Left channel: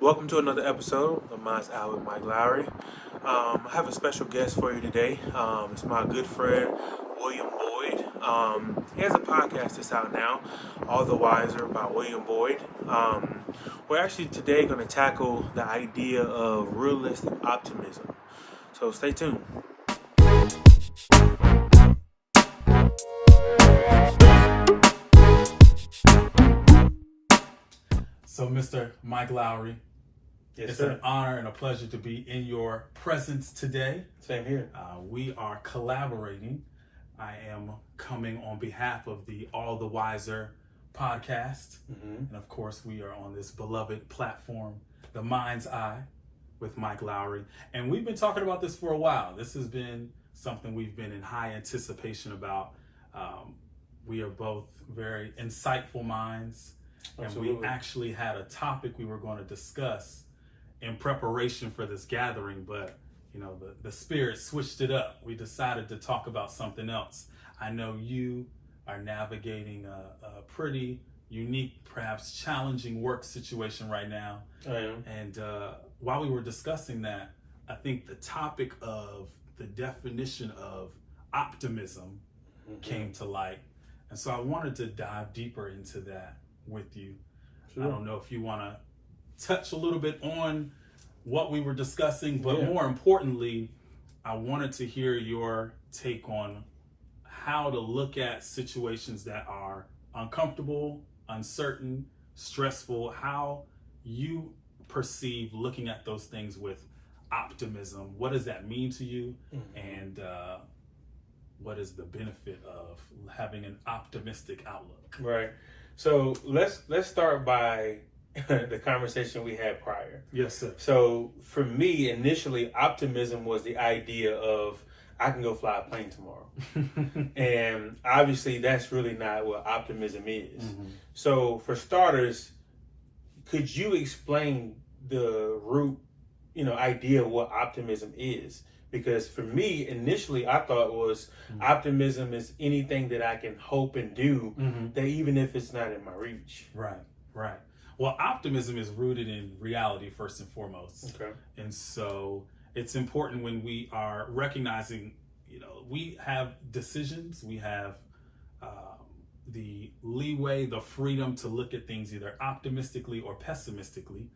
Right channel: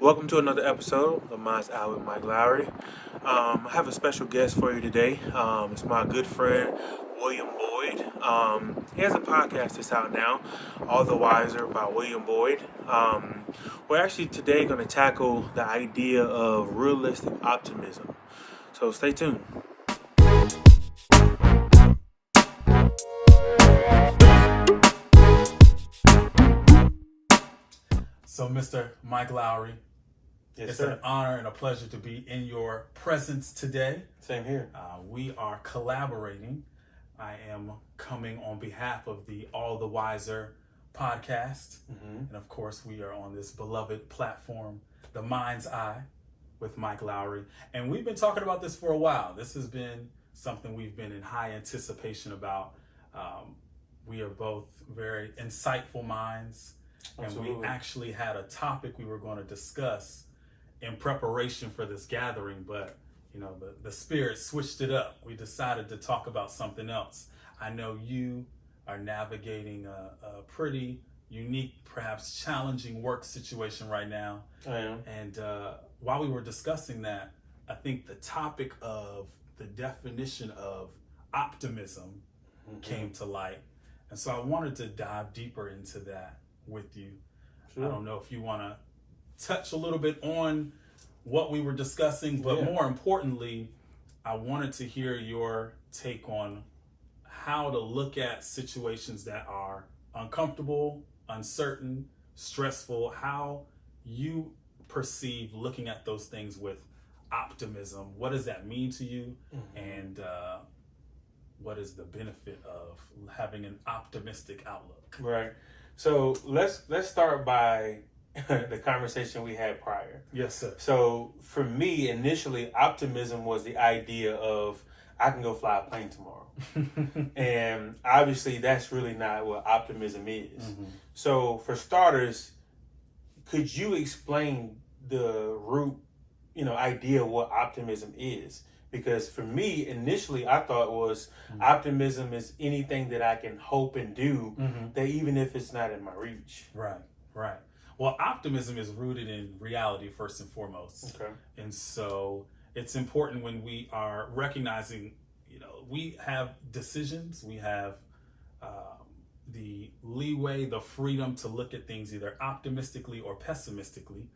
Welcome to another episode of Mind's Eye with Mike Lowry. I have a special guest for you today. It's my good friend, William Boyd. He has a podcast that's out now, All the Wiser by William Boyd. We're actually today going to tackle the idea of realistic optimism. So stay tuned. So, Mr. Mike Lowry, Yes, it's sir. an honor and a pleasure to be in your presence today. Same here. We are collaborating. I am coming on behalf of the All the Wiser podcast. And of course, we are on this beloved platform, The Mind's Eye with Mike Lowry. And we've been talking about this for a while. This has been something we've been in high anticipation about. We are both very insightful minds. Absolutely. And we actually had a topic we were going to discuss in preparation for this gathering, but the spirit switched it up. We decided to talk about something else. I know you are navigating a pretty unique, perhaps challenging work situation right now. I am. And while we were discussing that, I think the topic of the definition of optimism came to light. And so I wanted to dive deeper into that with you. Sure. I don't know if you want to touch a little bit on what we were discussing, but more importantly, I wanted to hear your take on how to look at situations that are uncomfortable, uncertain, stressful, how you perceive looking at those things with optimism. What does that mean to you? And what is the benefit of having an optimistic outlook? Right. So let's start by the conversation we had prior. Yes, sir. So for me, initially, optimism was the idea of I can go fly a plane tomorrow. And obviously, that's really not what optimism is. So for starters, could you explain the root, idea of what optimism is? Because for me, initially, I thought was optimism is anything that I can hope and do, that even if it's not in my reach. Right. Well, optimism is rooted in reality first and foremost. Okay. And so it's important when we are recognizing, we have decisions, we have the leeway, the freedom to look at things either optimistically or pessimistically.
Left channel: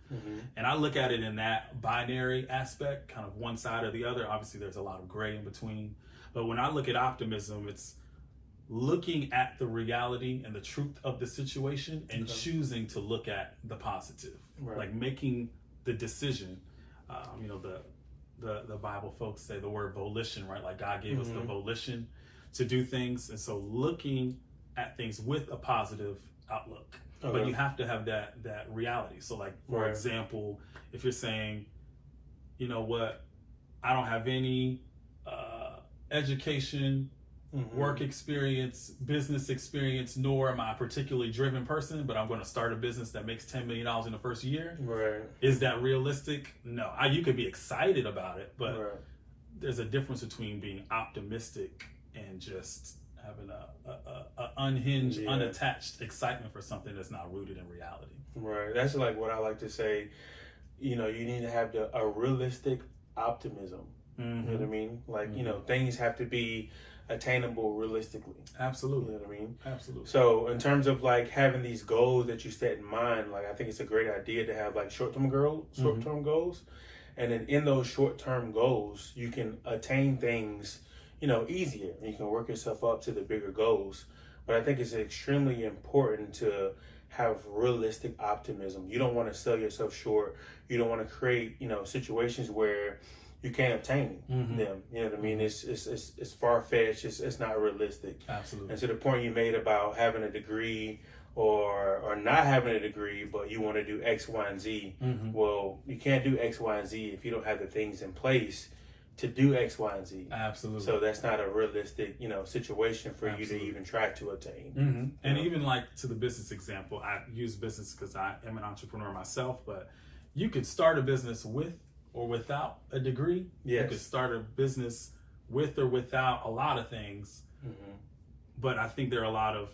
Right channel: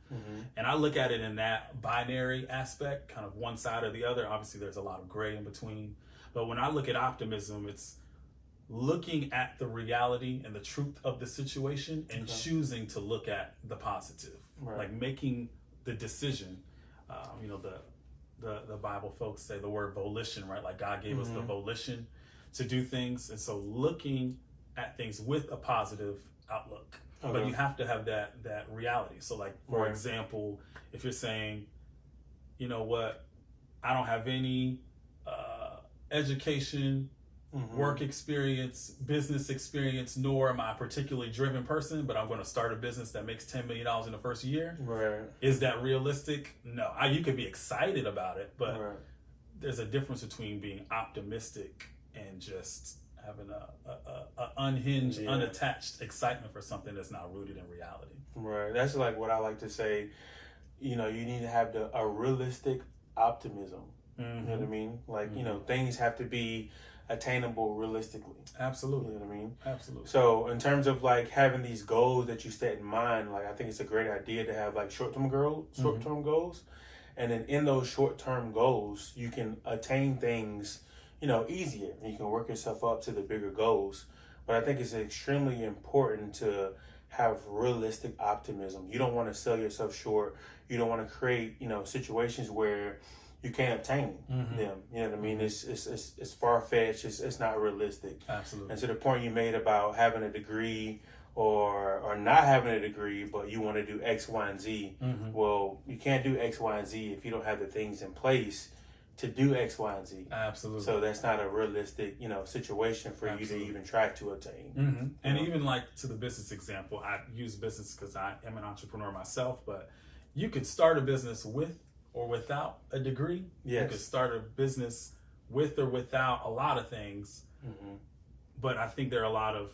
And I look at it in that binary aspect, kind of one side or the other. Obviously, there's a lot of gray in between. But when I look at optimism, it's looking at the reality and the truth of the situation and choosing to look at the positive, like making the decision. The Bible folks say the word volition, right? Like God gave us the volition to do things. And so looking at things with a positive outlook, but you have to have that reality. So like, for example, if you're saying, you know what, I don't have any education, work experience, business experience, nor am I a particularly driven person, but I'm going to start a business that makes $10 million in the first year. Right. Is that realistic? No. You could be excited about it, but there's a difference between being optimistic and just having a unhinged, unattached excitement for something that's not rooted in reality. Right. That's like what I like to say. You need to have a realistic optimism. You know what I mean? Like, things have to be attainable realistically. Absolutely. You know what I mean? Absolutely. So in terms of like having these goals that you set in mind, like I think it's a great idea to have like short-term goals. And then in those short-term goals, you can attain things, easier. You can work yourself up to the bigger goals. But I think it's extremely important to have realistic optimism. You don't want to sell yourself short. You don't want to create, situations where you can't obtain them. You know what I mean? It's far-fetched. It's not realistic. Absolutely. And to the point you made about having a degree or not having a degree, but you want to do X, Y, and Z. Well, you can't do X, Y, and Z if you don't have the things in place to do X, Y, and Z. Absolutely. So that's not a realistic, situation for you to even try to attain. And even like to the business example, I use business because I am an entrepreneur myself, but you could start a business with or without a degree. Yes. You could start a business with or without a lot of things. But I think there are a lot of,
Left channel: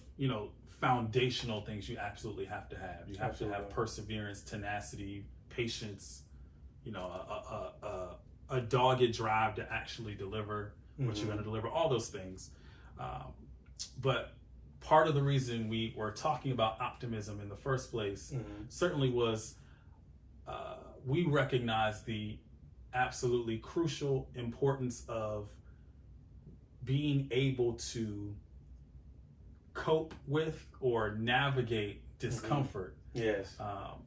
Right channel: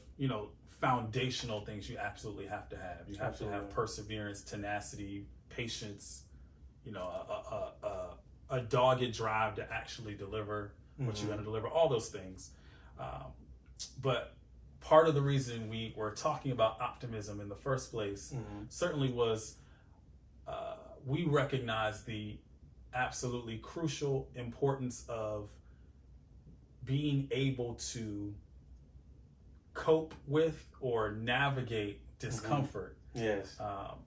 foundational things you absolutely have to have. You have to have perseverance, tenacity, patience, a dogged drive to actually deliver what you're going to deliver, all those things. But part of the reason we were talking about optimism in the first place certainly was we recognize the absolutely crucial importance of being able to cope with or navigate discomfort. Yes.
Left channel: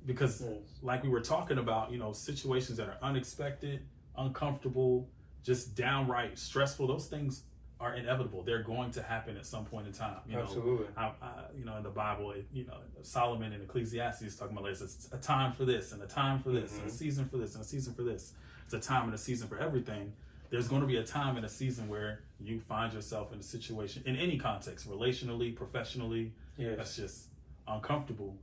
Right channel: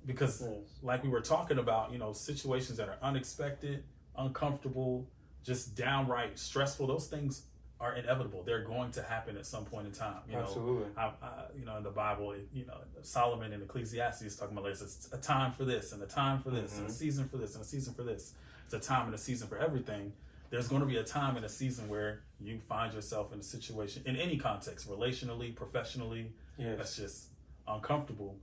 Because like we were talking about, situations that are unexpected, uncomfortable, just downright stressful, those things are inevitable. They're going to happen at some point in time. Absolutely. In the Bible, Solomon in Ecclesiastes is talking about there's a time for this and a time for this and a season for this and a season for this. It's a time and a season for everything. There's going to be a time and a season where you find yourself in a situation, in any context, relationally, professionally, that's just uncomfortable.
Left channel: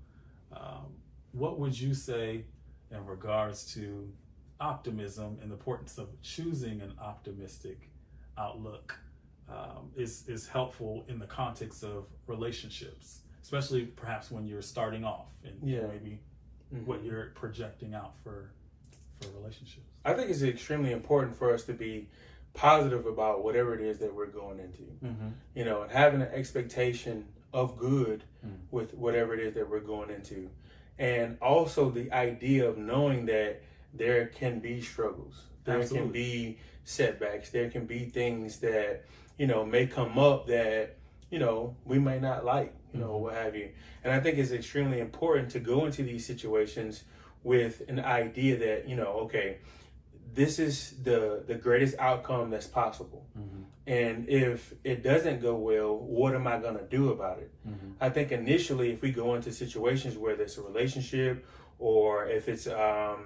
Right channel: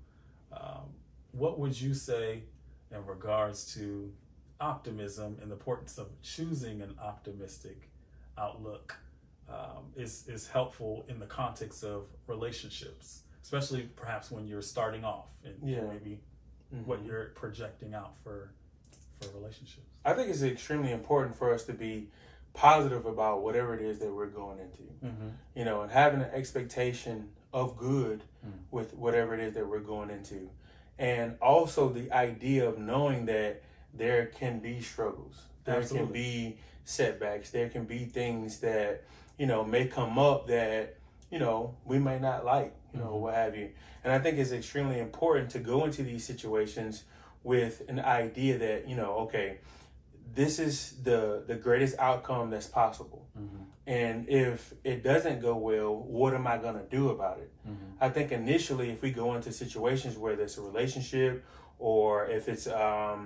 What would you say in regards to optimism and the importance of choosing an optimistic outlook is helpful in the context of relationships, especially perhaps when you're starting off and maybe what you're projecting out for relationships? I think it's extremely important for us to be positive about whatever it is that we're going into, and having an expectation of good with whatever it is that we're going into. And also the idea of knowing that there can be struggles, there can be setbacks, there can be things that, may come up that, we may not like, what have you. And I think it's extremely important to go into these situations with an idea that, okay, this is the greatest outcome that's possible. And if it doesn't go well, what am I going to do about it? I think initially, if we go into situations where there's a relationship, or if it's a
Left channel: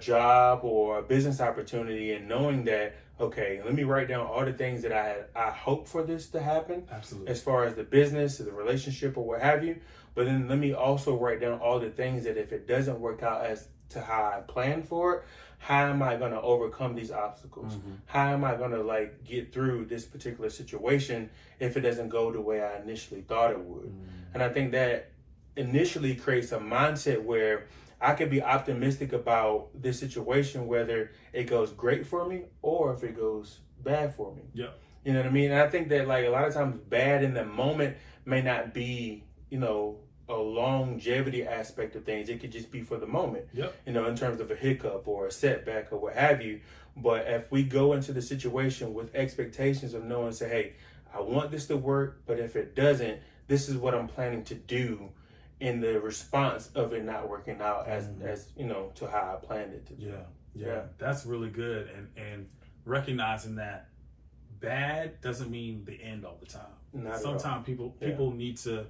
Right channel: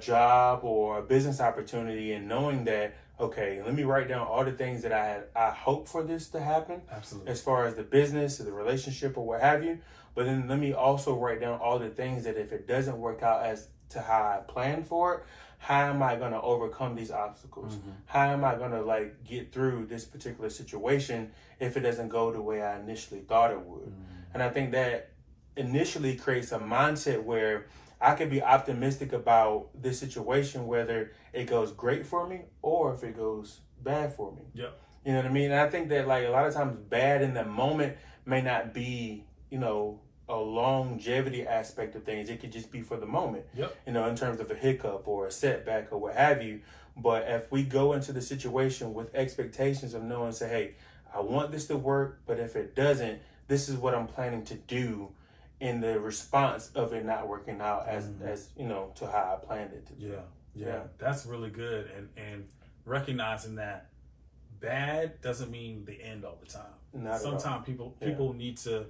job or a business opportunity, and knowing that, okay, let me write down all the things that I hope for this to happen. Absolutely. As far as the business or the relationship or what have you. But then let me also write down all the things that if it doesn't work out as to how I planned for it, how am I going to overcome these obstacles? How am I going to get through this particular situation if it doesn't go the way I initially thought it would? And I think that initially creates a mindset where I could be optimistic about this situation, whether it goes great for me or if it goes bad for me. Yeah. You know what I mean? And I think that a lot of times bad in the moment may not be, a longevity aspect of things. It could just be for the moment, in terms of a hiccup or a setback or what have you. But if we go into the situation with expectations of knowing, say, hey, I want this to work, but if it doesn't, this is what I'm planning to do in the response of it not working out as to how I planned it to be. Yeah. That's really good. And recognizing that bad doesn't mean the end all the time. Sometimes people need to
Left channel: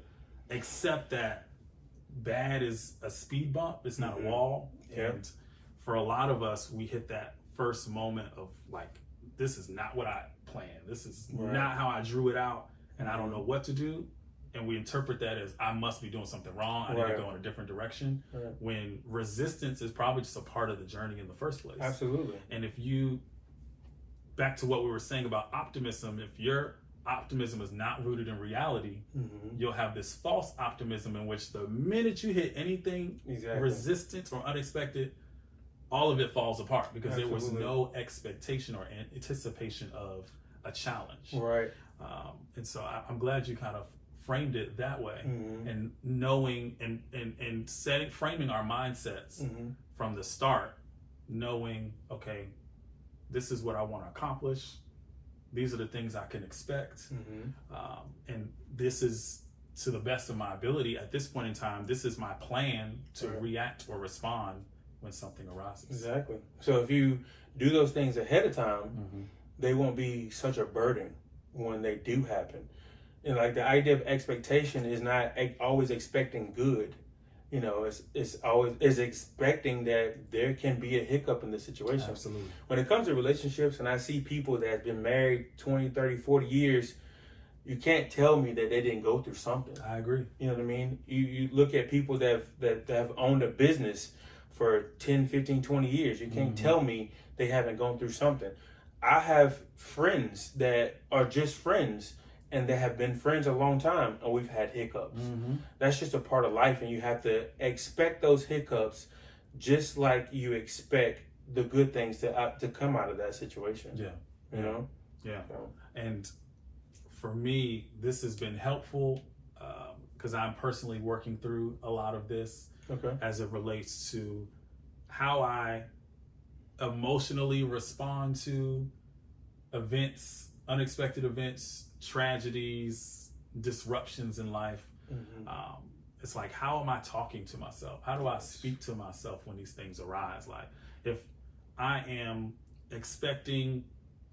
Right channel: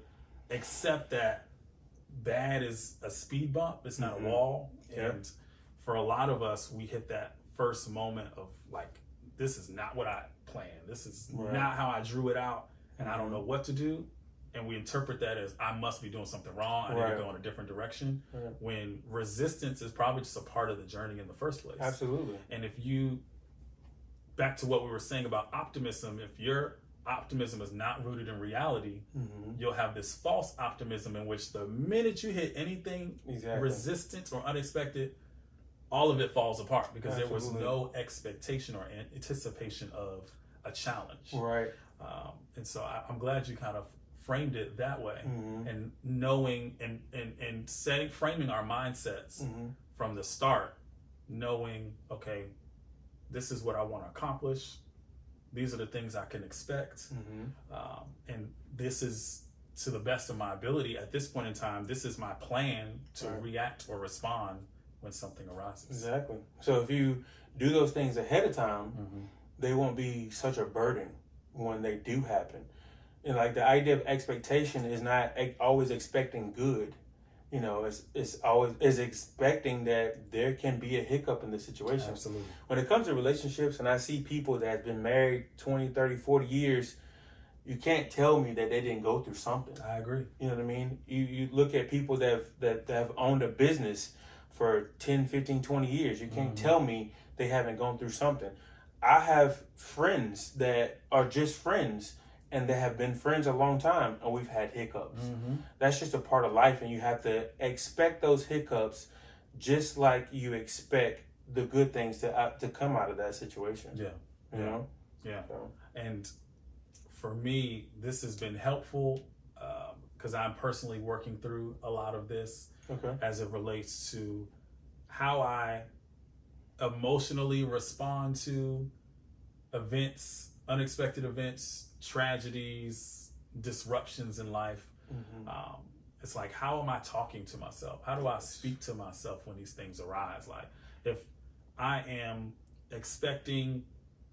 accept that bad is a speed bump. It's not a wall. And for a lot of us, we hit that first moment of this is not what I planned. This is not how I drew it out, and I don't know what to do. And we interpret that as I must be doing something wrong. I need to go in a different direction. When resistance is probably just a part of the journey in the first place. Absolutely. And back to what we were saying about optimism, if your optimism is not rooted in reality, you'll have this false optimism in which the minute you hit anything resistant or unexpected, all of it falls apart because there was no expectation or anticipation of a challenge. Right. And so I'm glad you kind of framed it that way, and knowing and framing our mindsets from the start, knowing, okay, this is what I want to accomplish. These are the things I can expect. And this is, to the best of my ability at this point in time, this is my plan to react or respond when something arises. Exactly. So if you do those things ahead of time, they won't be such a burden when they do happen. And the idea of expectation is not always expecting good. It's always expecting that there can be a hiccup in the situation. Absolutely. When it comes to relationships, and I see people that have been married 20, 30, 40 years, you can't tell me that they didn't go through something. I agree. You know what I mean? You look at people that have owned a business for 10, 15, 20 years. You can't tell me they haven't gone through something. I have friends that are just friends, and they have been friends a long time, and we've had hiccups. That's just a part of life, and you have to expect those hiccups just like you expect the good things to come out of that situation. Yeah. You know? Yeah. So. And for me, this has been helpful because I'm personally working through a lot of this as it relates to how I emotionally respond to events, unexpected events, tragedies, disruptions in life. It's like, how am I talking to myself? How do I speak to myself when these things arise? Like, if I am expecting,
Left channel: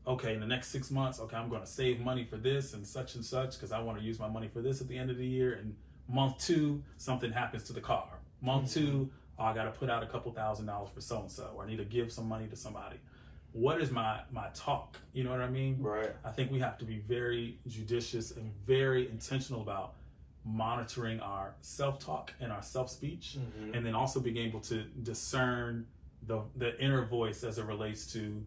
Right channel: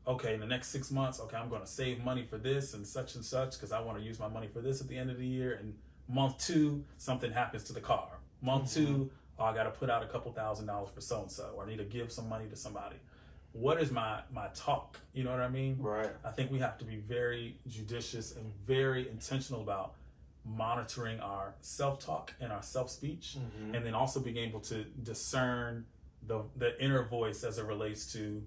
okay, in the next 6 months, okay, I'm going to save money for this and such because I want to use my money for this at the end of the year. And month 2, something happens to the car. Month 2, oh, I got to put out a couple $1,000s for so-and-so, or I need to give some money to somebody. What is my talk? You know what I mean? Right. I think we have to be very judicious and very intentional about monitoring our self-talk and our self-speech, and then also being able to discern the inner voice as it relates to,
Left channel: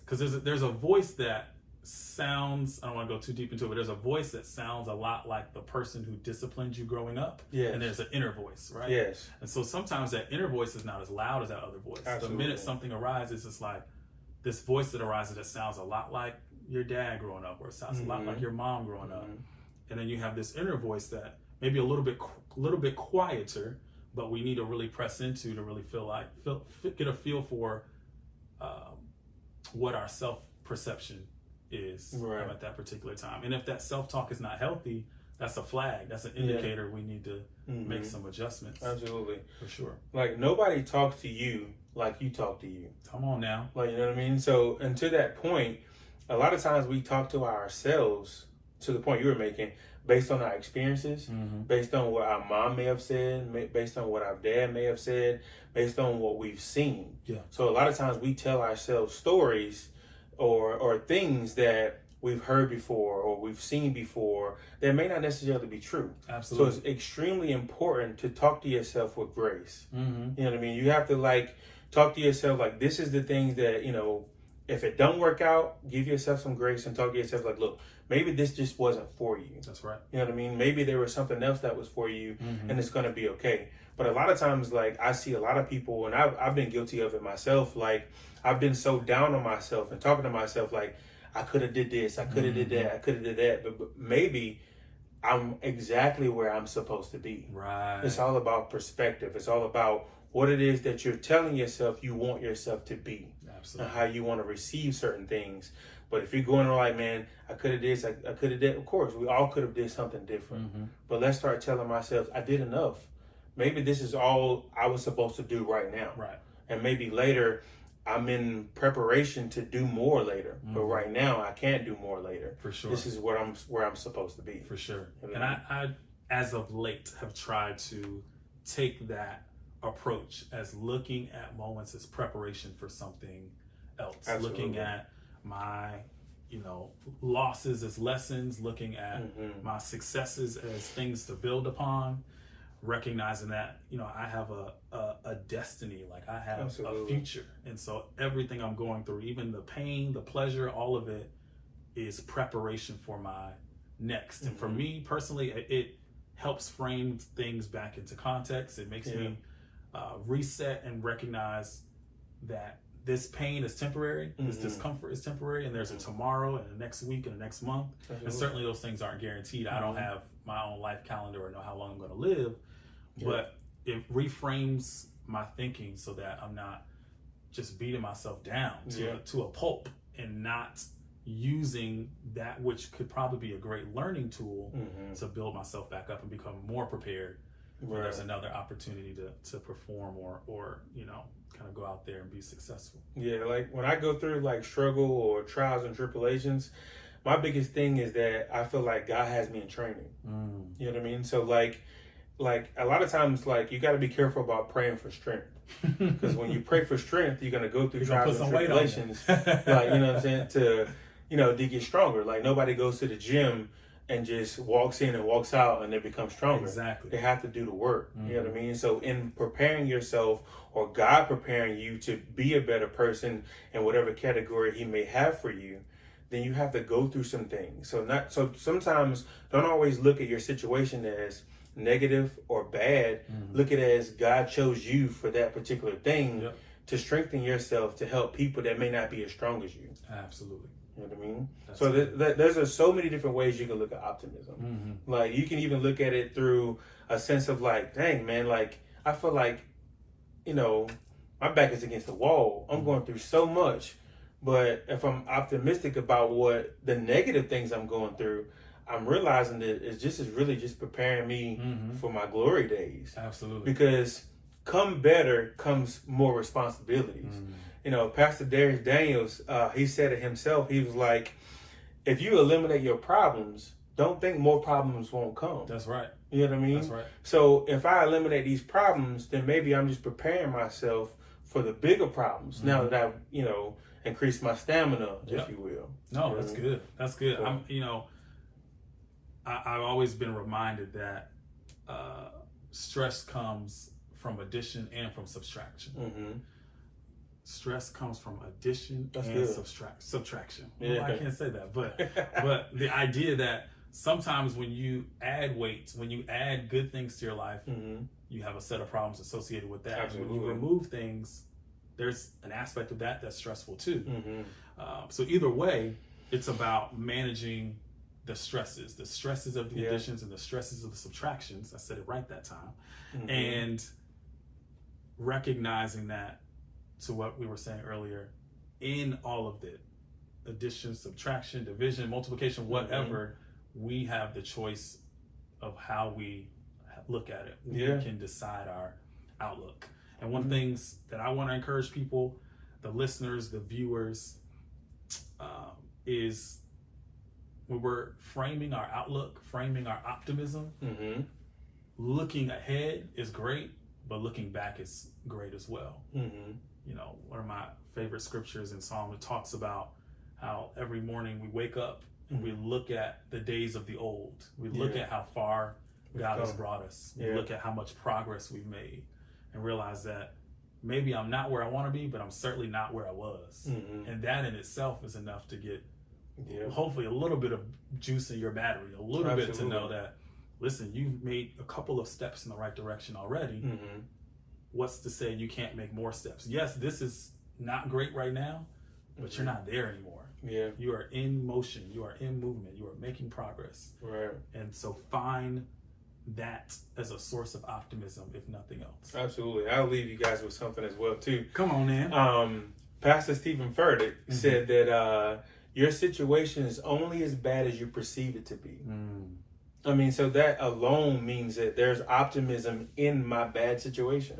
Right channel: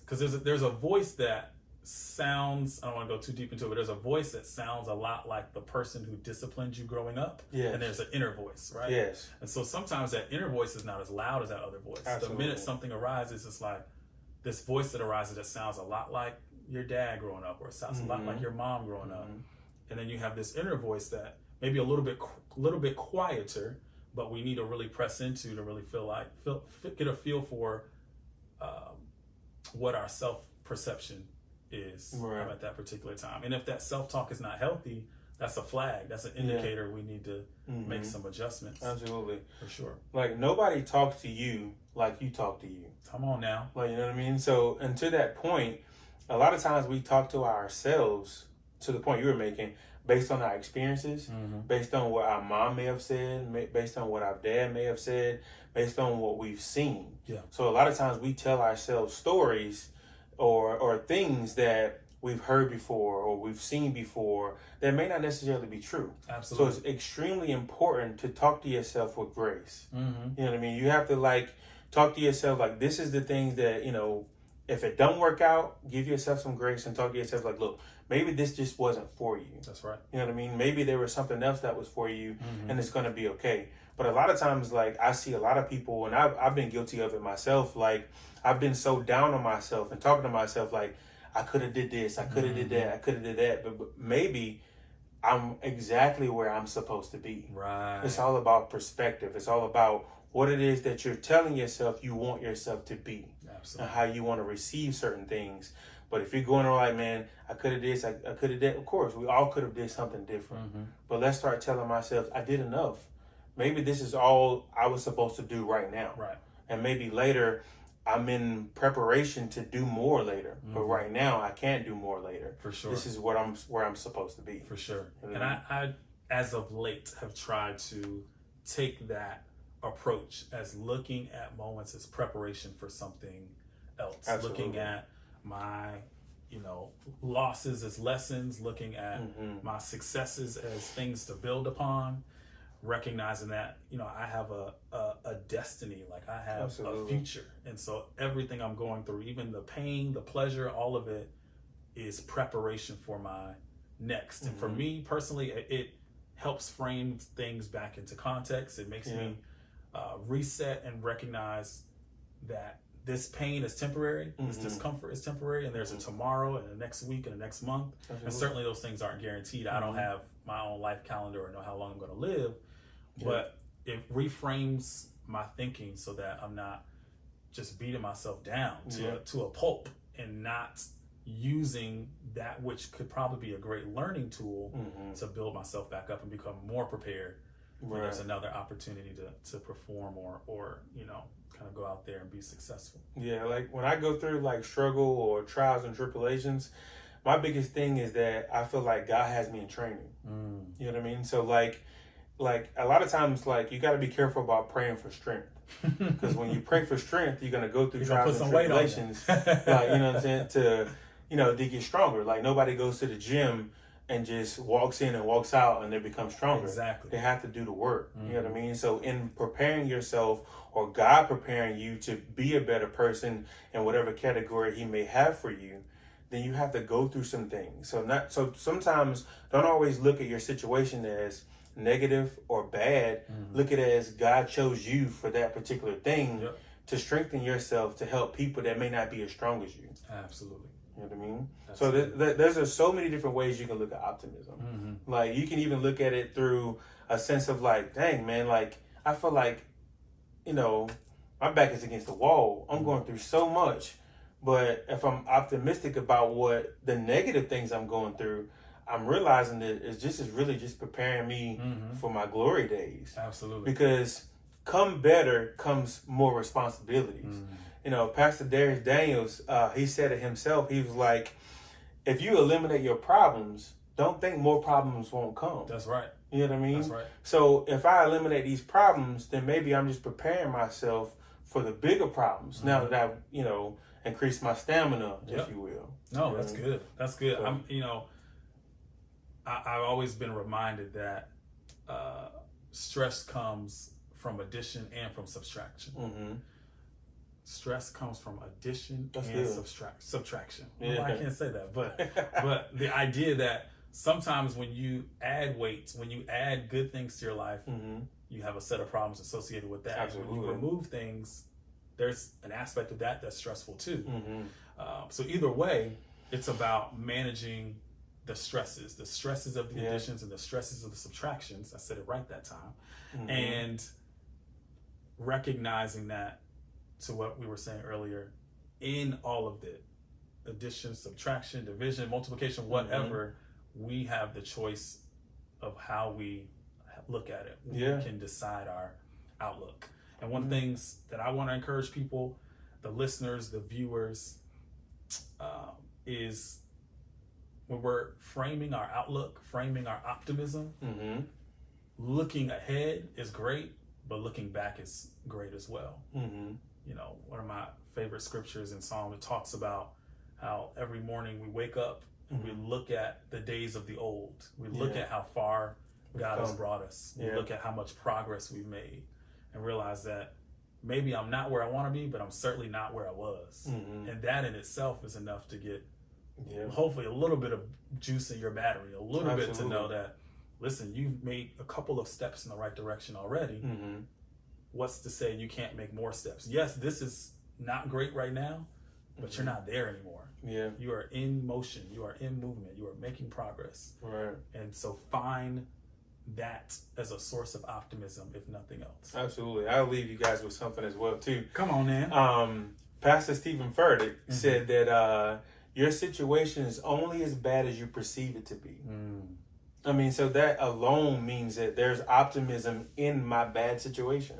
because there's a voice that sounds, I don't want to go too deep into it, but there's a voice that sounds a lot like the person who disciplined you growing up. Yes. And there's an inner voice, right? Yes. And so sometimes that inner voice is not as loud as that other voice. Absolutely. The minute something arises, it's like this voice that arises that sounds a lot like your dad growing up, or it sounds a lot like your mom growing up. And then you have this inner voice that maybe a little bit quieter, but we need to really press into to really get a feel for what our self-perception is at that particular time. And if that self-talk is not healthy, that's a flag. That's an indicator we need to make some adjustments. Absolutely. For sure. Like, nobody talks to you like you talk to you. Come on now. Like, you know what I mean? So, and to that point, a lot of times we talk to ourselves, to the point you were making, based on our experiences, based on what our mom may have said, based on what our dad may have said, based on what we've seen. Yeah. So a lot of times we tell ourselves stories or things that we've heard before or we've seen before that may not necessarily be true. Absolutely. So it's extremely important to talk to yourself with grace. You know what I mean? You have to talk to yourself like, this is the things that, if it don't work out, give yourself some grace and talk to yourself like, look, maybe this just wasn't for you. That's right. You know what I mean? Maybe there was something else that was for you and it's going to be okay. But a lot of times, I see a lot of people, and I've been guilty of it myself. I've been so down on myself and talking to myself like, I could have did this, I could have did that, I could have did that. But maybe I'm exactly where I'm supposed to be. Right. It's all about perspective. It's all about what it is that you're telling yourself you want yourself to be. Absolutely. And how you want to receive certain things. But if you're going on like, man, I could have this, I could have that. Of course, we all could have did something different. But let's start telling myself, I did enough. Maybe this is all I was supposed to do right now. Right. And maybe later I'm in preparation to do more later. But right now I can't do more later. For sure. This is where I'm supposed to be. For sure. And I as of late have tried to take that approach as looking at moments as preparation for something else. Absolutely. Looking at my losses as lessons, looking at my successes as things to build upon, recognizing that I have a destiny, like I have a future. And so everything I'm going through, even the pain, the pleasure, all of it is preparation for my next. And for me personally, it helps frame things back into context. It makes me reset and recognize that this pain is temporary, this discomfort is temporary, and there's a tomorrow and a next week and a next month. And certainly those things aren't guaranteed. I don't have my own life calendar or know how long I'm going to live, but it reframes my thinking so that I'm not just beating myself down to a pulp and not using that which could probably be a great learning tool to build myself back up and become more prepared when there's another opportunity to perform or kind of go out there and be successful. Yeah, like when I go through struggle or trials and tribulations, my biggest thing is that I feel like God has me in training. You know what I mean? So like a lot of times, you got to be careful about praying for strength, because when you pray for strength, you're gonna go through trials and tribulations, you know what I'm saying, to get stronger. Like nobody goes to the gym and just walks in and walks out and they become stronger. Exactly. They have to do the work. You know what I mean? So in preparing yourself, or God preparing you to be a better person in whatever category He may have for you, then you have to go through some things. So sometimes don't always look at your situation as negative or bad, look at it as God chose you for that particular thing to strengthen yourself to help people that may not be as strong as you. Absolutely. You know what I mean? So there's so many different ways you can look at optimism. Like, you can even look at it through a sense of like, dang, man, like, I feel like, you know, my back is against the wall. I'm going through so much. But if I'm optimistic about what the negative things I'm going through, I'm realizing that it's really just preparing me for my glory days. Absolutely. Because come better comes more responsibilities. You know, Pastor Darius Daniels, he said it himself. He was like, if you eliminate your problems, don't think more problems won't come. That's right. You know what I mean? That's right. So if I eliminate these problems, then maybe I'm just preparing myself for the bigger problems now that I've, you know, increased my stamina, if you will. No, that's good. That's good. So, I've always been reminded that stress comes from addition and from subtraction. Stress comes from addition and subtraction. Well, I can't say that, but the idea that sometimes when you add weight, when you add good things to your life, you have a set of problems associated with that. Absolutely. And when you remove things, there's an aspect of that that's stressful too. So either way, it's about managing the stresses of the additions and the stresses of the subtractions. I said it right that time. And recognizing that, to what we were saying earlier, in all of it, addition, subtraction, division, multiplication, whatever, we have the choice of how we look at it. We can decide our outlook. And one of the things that I want to encourage people, the listeners, the viewers, is when we're framing our outlook, framing our optimism, looking ahead is great, but looking back is great as well. You know, one of my favorite scriptures in Psalm, it talks about how every morning we wake up and we look at the days of the old. We look at how far God has brought us. We look at how much progress we've made and realize that maybe I'm not where I want to be, but I'm certainly not where I was. And that in itself is enough to get hopefully a little bit of juice in your battery, a little bit to know that, listen, you've made a couple of steps in the right direction already. What's to say you can't make more steps? Yes, this is not great right now, but you're not there anymore. You are in motion. You are in movement. You are making progress. And so find that as a source of optimism, if nothing else. Absolutely. I'll leave you guys with something as well, too. Come on, man. Pastor Stephen Furtick said that your situation is only as bad as you perceive it to be. I mean, so that alone means that there's optimism in my bad situation.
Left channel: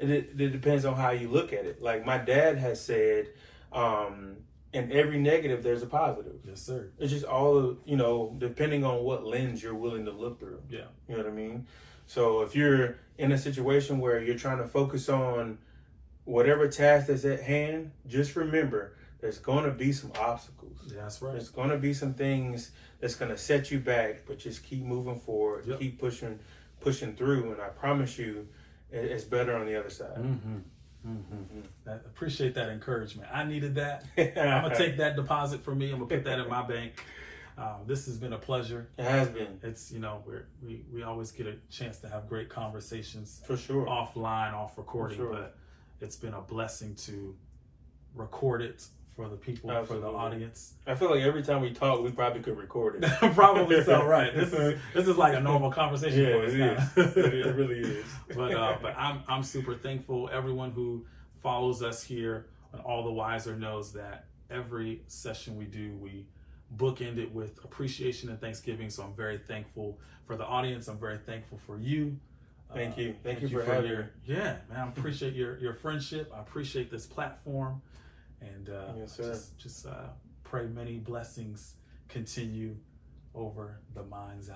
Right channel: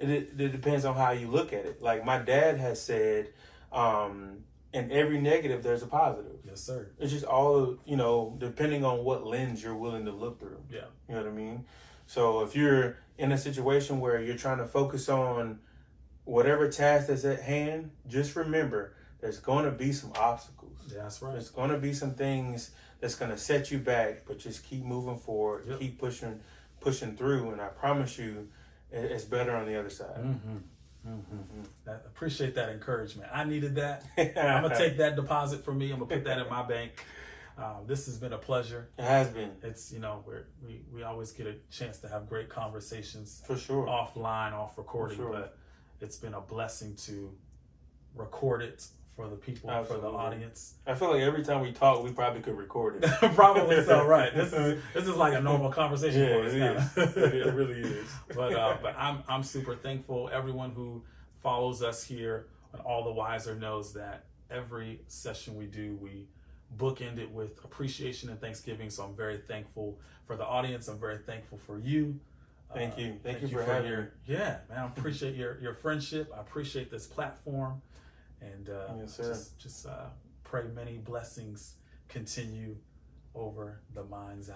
It depends on how you look at it. Like my dad has said, in every negative, there's a positive. Yes, sir. It's just all, you know, depending on what lens you're willing to look through. Yeah. You know what I mean? So if you're in a situation where you're trying to focus on whatever task that's at hand, just remember there's going to be some obstacles. Yeah, that's right. There's going to be some things that's going to set you back, but just keep moving forward, keep pushing through, and I promise you, it's better on the other side. I appreciate that encouragement. I needed that. I'm gonna take that deposit for me. I'm gonna put that in my bank. This has been a pleasure. It has been. It's, you know, we always get a chance to have great conversations, for sure, offline, off recording. But it's been a blessing to record it for the people, for the audience. I feel like every time we talk, we probably could record it. Probably so, right? This is like a normal conversation for us now. It really is. But I'm super thankful. Everyone who follows us here on All the Wiser knows that every session we do, we bookend it with appreciation and thanksgiving. So I'm very thankful for the audience. I'm very thankful for you. Thank you. Thank you for having me. Yeah, man. I appreciate your friendship. I appreciate this platform. And yes, sir. just pray many blessings continue over the mind's eye.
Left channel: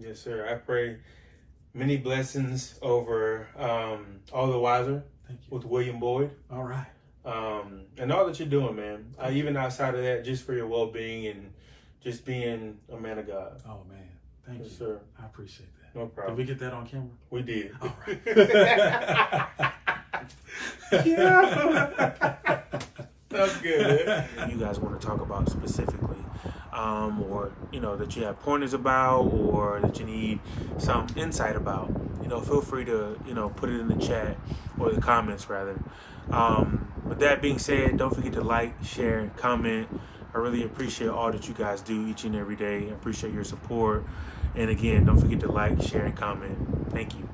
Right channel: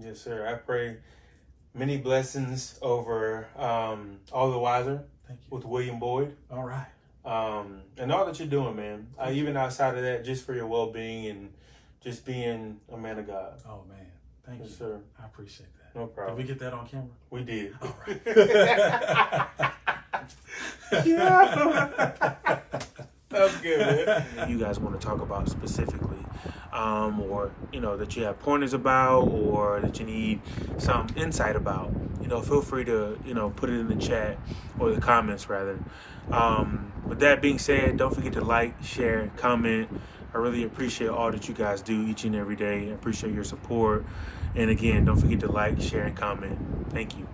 Yes, sir. I pray many blessings over All the Wiser. Thank you. With William Boyd. All right. And all that you're doing, man. Even outside of that, just for your well-being and just being a man of God. Oh, man. Thank you. Sir. I appreciate that. No problem. Did we get that on camera? We did. All right. Yeah. That was good, man. You guys want to talk about specifically or that you have pointers about, or that you need some insight about, feel free to put it in the chat, or the comments rather. With that being said, don't forget to like, share, comment. I really appreciate all that you guys do each and every day. I appreciate your support. And again, don't forget to like, share, and comment. Thank you.